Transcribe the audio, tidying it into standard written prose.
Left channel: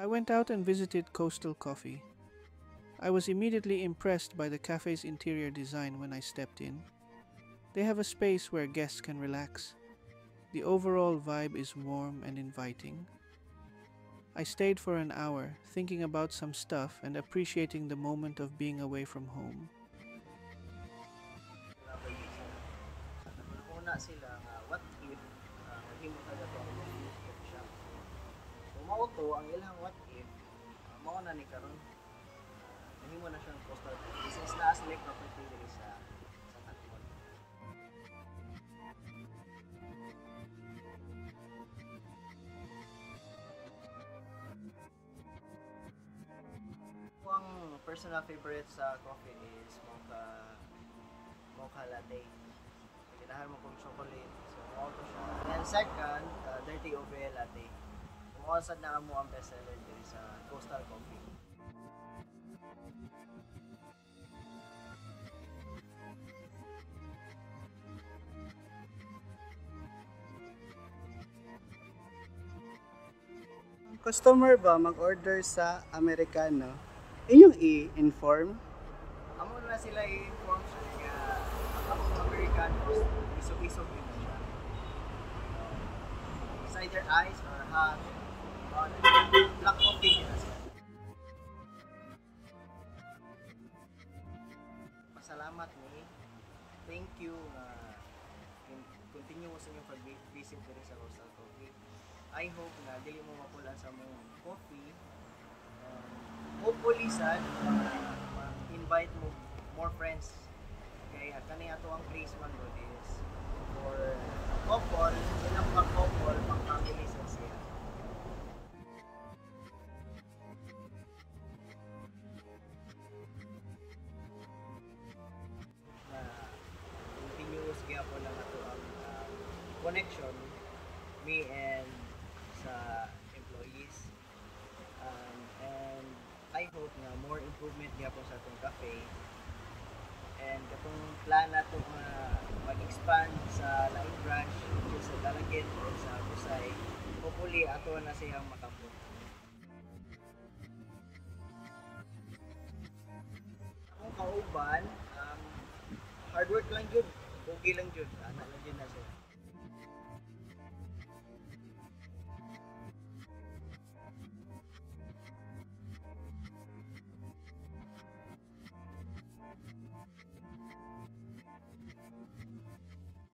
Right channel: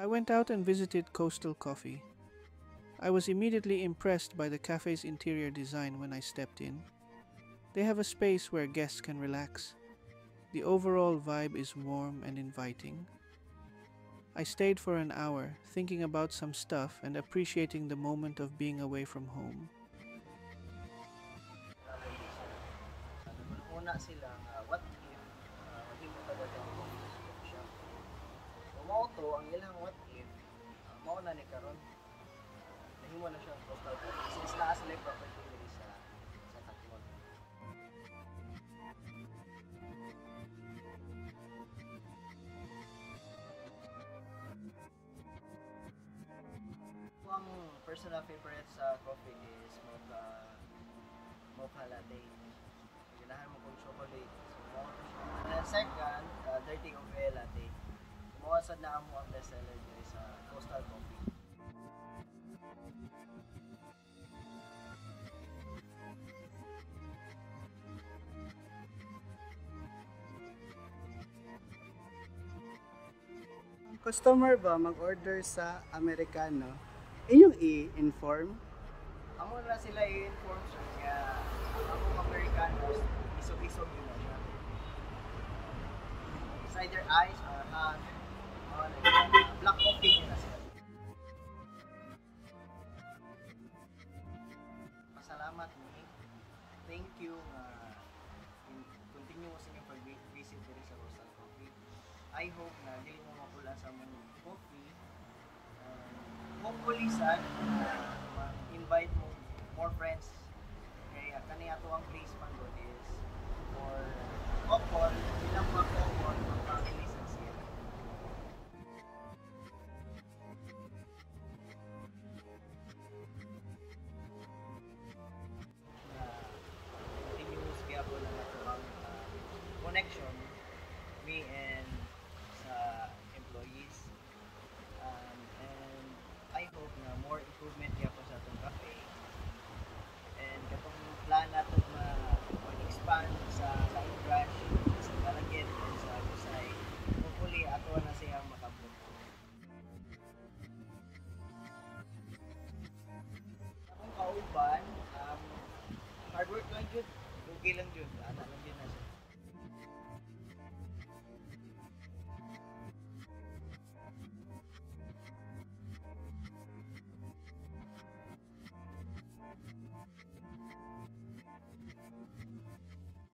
I went out and visited Coastal Coffee. I was immediately impressed by the cafe's interior design when I stepped in. They have a space where guests can relax. The overall vibe is warm and inviting. I stayed for an hour, thinking about some stuff and appreciating the moment of being away from home. Travel visa. Naguna sila nga what if mahimo ta dato ang coffee shop. Kung mao to ang ilang what if mao na ni karon nahimo na siyang coastal coffee since naa sila yung property diri sa Tacloban. Ang personal favorite sa coffee is mocha latte. Ganahan mo kong chocolate. So, mo to siya. And then second, dirty ube latte. Kumuha na mo ang bestseller dito sa Coastal Coffee. Customer ba mag-order sa Americano, inyong i-inform? Amo na sila i-inform sir nga ang among Americanos isog-isog din na siya. It's either ice or hot. Black coffee din na siya. Pasalamat ni. Thank you continue sa inyong pag-visit diri sa Coastal Coffee. I hope na dili mo mapulan sa mong coffee and hopefully sad na mag-invite mo more friends kaya kani ato ang place man good is for couple, ilang pang couple, pang family sad siya. Na continuous gyapon lang ato ang connection me and sa employees and I hope na more improvement gyapon sa atong cafe and katong plan nato nga mag-expand sa laing branch sa Dalaget and sa Busay hopefully ato na siyang makabot. Akong kauban hard work lang jud, pogi lang jud, ana lang jud na siya.